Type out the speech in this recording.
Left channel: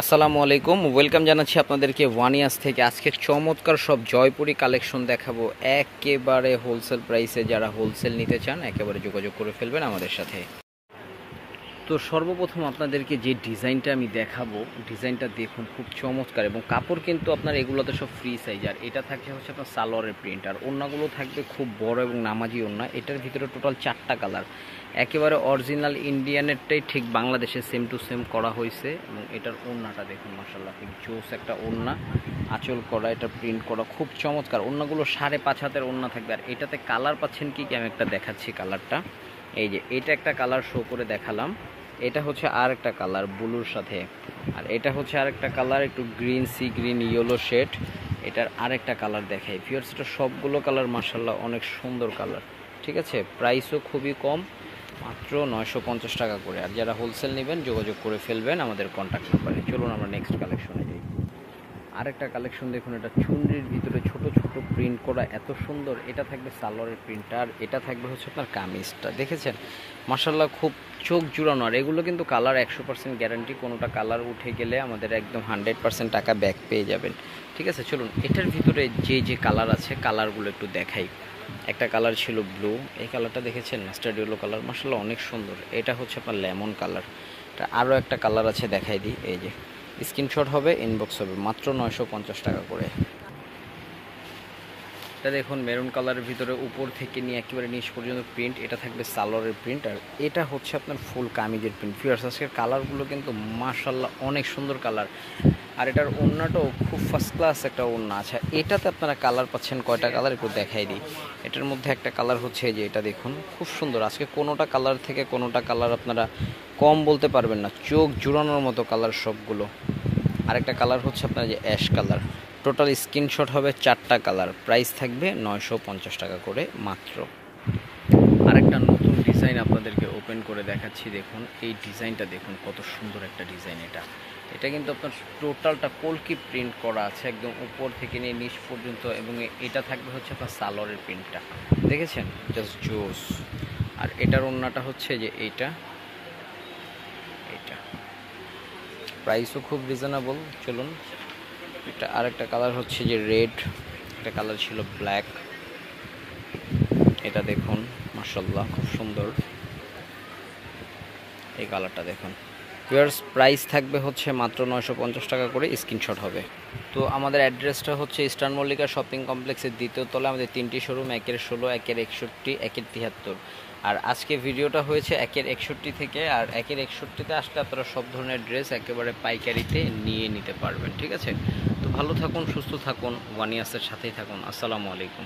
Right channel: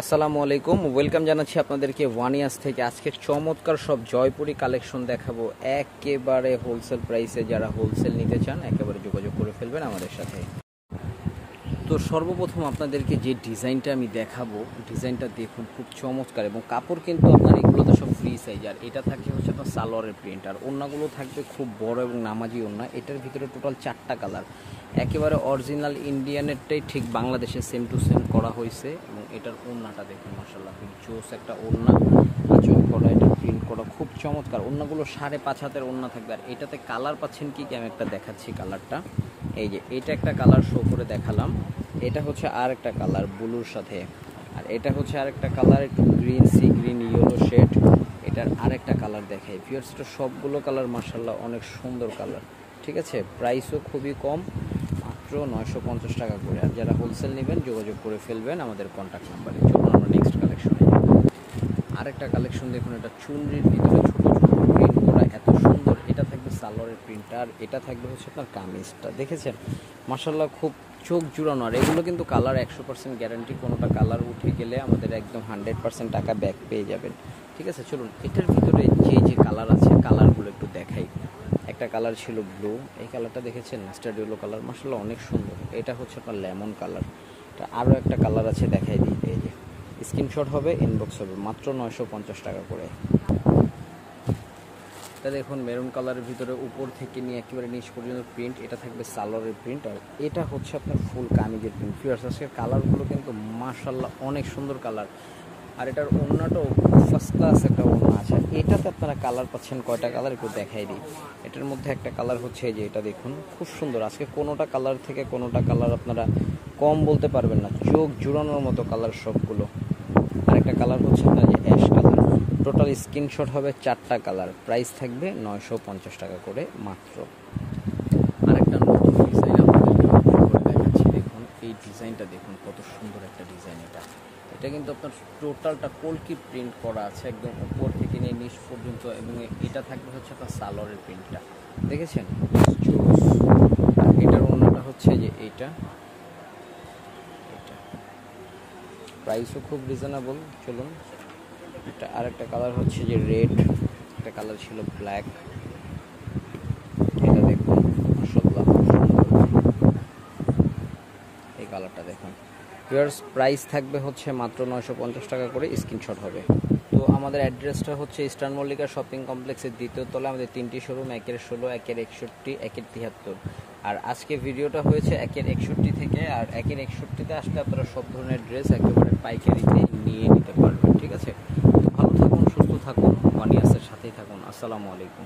আসসালামু আলাইকুম, ওয়েলকাম জানাচ্ছি আপনাদেরকে ওয়ানিয়াস থেকে। আজকে চমৎকার সব জয়পুরি কালেকশন দেখাবো একেবারে হোলসেল প্রাইসে। যারা হোলসেল নিতে চান একেবারে যোগাযোগ করে ফেলবেন আমাদের সাথে। তো সর্বপ্রথম আপনাদেরকে যে ডিজাইনটা আমি দেখাবো, ডিজাইনটা দেখুন, খুব চমৎকার। এবং কাপড় কিন্তু আপনার এগুলোতে সব ফ্রি সাইজ। আর এটা থাকছে হচ্ছে আপনার সালোয়ারের প্রিন্ট, আর ওড়নাগুলো থাকবে খুব বড় এবং নামাজি ওড়না। এটার ভিতরে টোটাল 4টা কালার, একেবারে অরিজিনাল ইন্ডিয়ানেরটাই ঠিক বাংলাদেশে সেম টু সেম করা হয়েছে। এবং এটার ওড়নাটা দেখুন, মাশাআল্লাহ খুব জোস একটা ওড়না, আঁচল করা, এটা প্রিন্ট করা, খুব চমৎকার। ওড়নাগুলো 5.5 হাতের ওড়না থাকবে। আর এটাতে কালার পাচ্ছেন কি আমি একটা দেখাচ্ছি কালারটা। এই যে এটা একটা কালার শো করে দেখালাম, এটা হচ্ছে আর একটা কালার ব্লুর সাথে, আর এটা হচ্ছে আরেকটা কালার একটু green, sea green yellow shade. এটার আরেকটা কালার দেখাই ভিউয়ার্স। এটা সবগুলো কালার মাশাআল্লাহ অনেক সুন্দর কালার, ঠিক আছে। প্রাইসও খুবই কম, মাত্র 950 টাকা করে। আর যারা হোলসেল নেবেন যোগাযোগ করে ফেলবেন আমাদের কন্ট্যাক্ট নাম্বারে। চলুন আমরা নেক্সট কালেকশনে যাই। আরেকটা কালেকশন দেখুন, এটা চুনরির ভিতরে ছোট ছোট প্রিন্ট করা, এত সুন্দর। এটা থাকবে সালোয়ারের প্রিন্টটা, আর এটা থাকবে হচ্ছে আপনার কামিজটা। দেখেছেন মাশাআল্লাহ খুব চোখ জুড়ানো। আর এগুলো কিন্তু কালার 100% গ্যারান্টি, কোনোটা কালার উঠে গেলে আমাদের একদম 100% টাকা ব্যাক পেয়ে যাবেন, ঠিক আছে। চলুন এটার ভিতরে যে যে কালার আছে কালারগুলো একটু দেখাই। একটা কালার ছিল ব্লু, এই কালারটা দেখেছেন, মাস্টার্ড ইয়েলো কালার, মাশাআল্লাহ অনেক সুন্দর। এটা হচ্ছে আপনার লেমন কালার। এটা আরও একটা কালার আছে, দেখাই দিই। এই যে স্ক্রিনশট হবে, ইনবক্স হবে, মাত্র 950 টাকা করে। এটা দেখুন মেরুন কালারের ভিতরে উপর থেকে নিয়ে একেবারে নিচ পর্যন্ত প্রিন্ট। এটা থাকবে সালোয়ারের প্রিন্ট, আর এটা হচ্ছে আপনার ফুল কামিজের প্রিন্ট। ফিয়ার্স আজকের কালারগুলো কিন্তু মাশাআল্লাহ অনেক সুন্দর কালার। আর এটার ওড়নাটাও ফার্স্ট ক্লাস একটা ওড়না আছে। এটাতে আপনারা কালার পাচ্ছেন কয়টা কালার একটু দেখাই দিই। এটার মধ্যে একটা কালার হচ্ছে যে এটা দেখুন, খুব সুন্দর। আজকে কোনোটা কালার থেকে কোনোটা কালার আপনারা কম বলতে পারবেন না, চোখ জুড়ানোর মতো কালার সবগুলো। আরেকটা কালার হচ্ছে আপনার যে অ্যাশ কালার। টোটাল স্ক্রিনশট হবে 4টা কালার, প্রাইস থাকবে 950 টাকা করে মাত্র। আরেকটা নতুন ডিজাইন আপনাদেরকে ওপেন করে দেখাচ্ছি। দেখুন এই ডিজাইনটা দেখুন, কত সুন্দর একটা ডিজাইন। এটা কিন্তু আপনার টোটালটা কলকি প্রিন্ট করা আছে, একদম উপর থেকে নিয়ে নিচ পর্যন্ত। এবং এটা থাকবে হচ্ছে আপনার সালোয়ারের প্রিন্টটা, দেখেছেন, জাস্ট জোস। আর এটার ওড়নাটা হচ্ছে যে এইটা, প্রাইসও খুব রিজনেবল। চলুন এটা আরেকটা কালার হচ্ছে যে রেড, একটা কালার ছিল ব্ল্যাক। এটা দেখুন মাশাআল্লাহ খুব সুন্দর, এই কালারটা দেখুন। ভিউয়ার্স প্রাইস থাকবে হচ্ছে মাত্র 950 টাকা করে, স্ক্রিনশট হবে। তো আমাদের অ্যাড্রেসটা হচ্ছে ইস্টার্ন মল্লিকা শপিং কমপ্লেক্সের 2য় তলায় আমাদের 3টি শোরুম, 1-এর 16, 1-এর 61, 1-এর 73। আর আজকে ভিডিওটা হয়েছে 1-এর 61 থেকে। আর 1-এর 61-তে আসলে আপনারা সব ধরনের ড্রেস একেবারে পাইকারিতে নিয়ে নিতে পারবেন, ঠিক আছে। তো ভালো থাকুন, সুস্থ থাকুন, ওয়ানিয়াসের সাথেই থাকুন। আসসালামু আলাইকুম।